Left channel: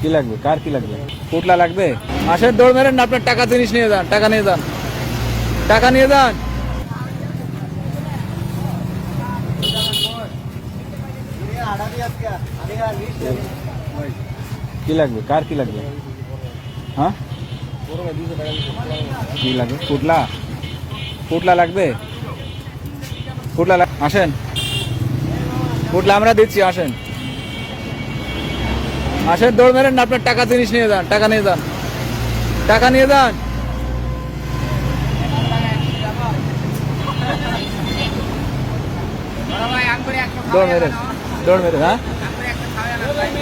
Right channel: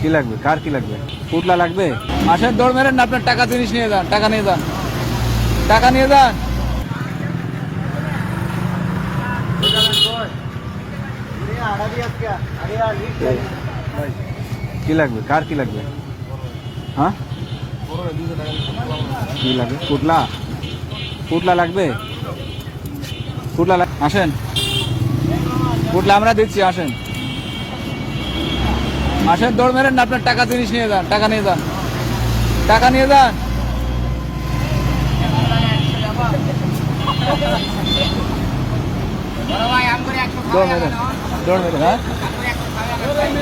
কি লাগবে? কার কি লাগবে? পুতলা লাগবে? আসেন দৌড় মেরেন না আপনার টাকা জিনিস নিয়ে যান টাকা নিয়ে যান। টাকা নিয়ে যান। কি লাগবে? কার কি লাগবে? হ্যাঁ? কি লাগবে? পুতলা? পুতলা লাগবে? পুতলা আসেন। পুতলা আমরা দিচ্ছি আসেন। আসেন দৌড় মেরেন না আপনার টাকা জিনিস নিয়ে যান টাকা নিয়ে যান। টাকা নিয়ে যান। দৌড় মেরেন দৌড় মেরেন হ্যাঁ?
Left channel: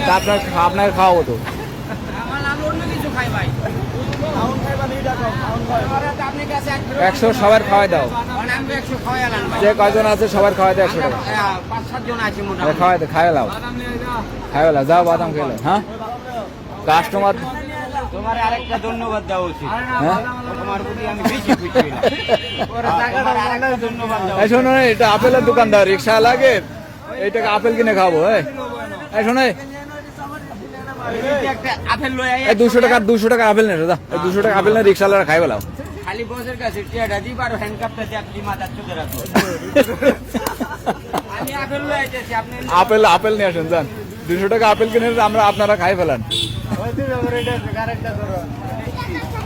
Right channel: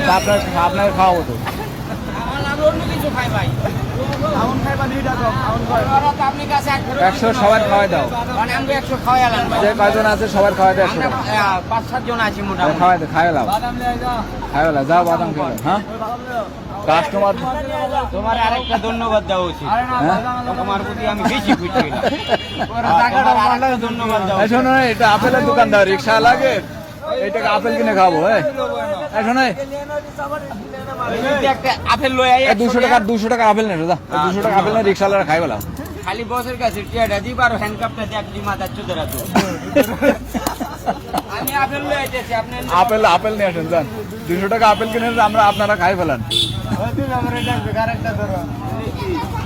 আপনার আপনার খাওয়াবো তো একশো সবার খাওয়াই দাও। যে কয়জন আছে সবার খাওয়াই দাও একশো পাঁচ সাত জন আছি মোটামুটি। খাওয়াই দে খাওয়া লাও খাওয়া লাও যাও। বাদাম খেলো হ্যাঁ? কাস্টমার তোমার আরেকটা ধন্যবাদ দেওয়া উচিত। হ্যাঁ? তোমার প্রতি আমি বেশি খুশি হইলাম ধন্যবাদ শোনো এটা আপেলের দোকানদার রিক্সা লাগে এই আপেল কিনে খাব হ্যাঁ শোনো দুশো টাকা দুশো টাকা আপেল নেই দাদা। দুশো টাকা আপেল না রিক্সা লাগা খাই বেলা খালি বসের কাছে টিয়াটা দিব আর হ্যান্ডকাপটা দিয়ে আপনি মাথার চোখে রাখব আমি আপেল আইতেছি আপনি আপেল আপেল নিয়ে আসুন যান। দুশো টাকা আপেল কিনে আমরা আপনারা খাই ফেলান।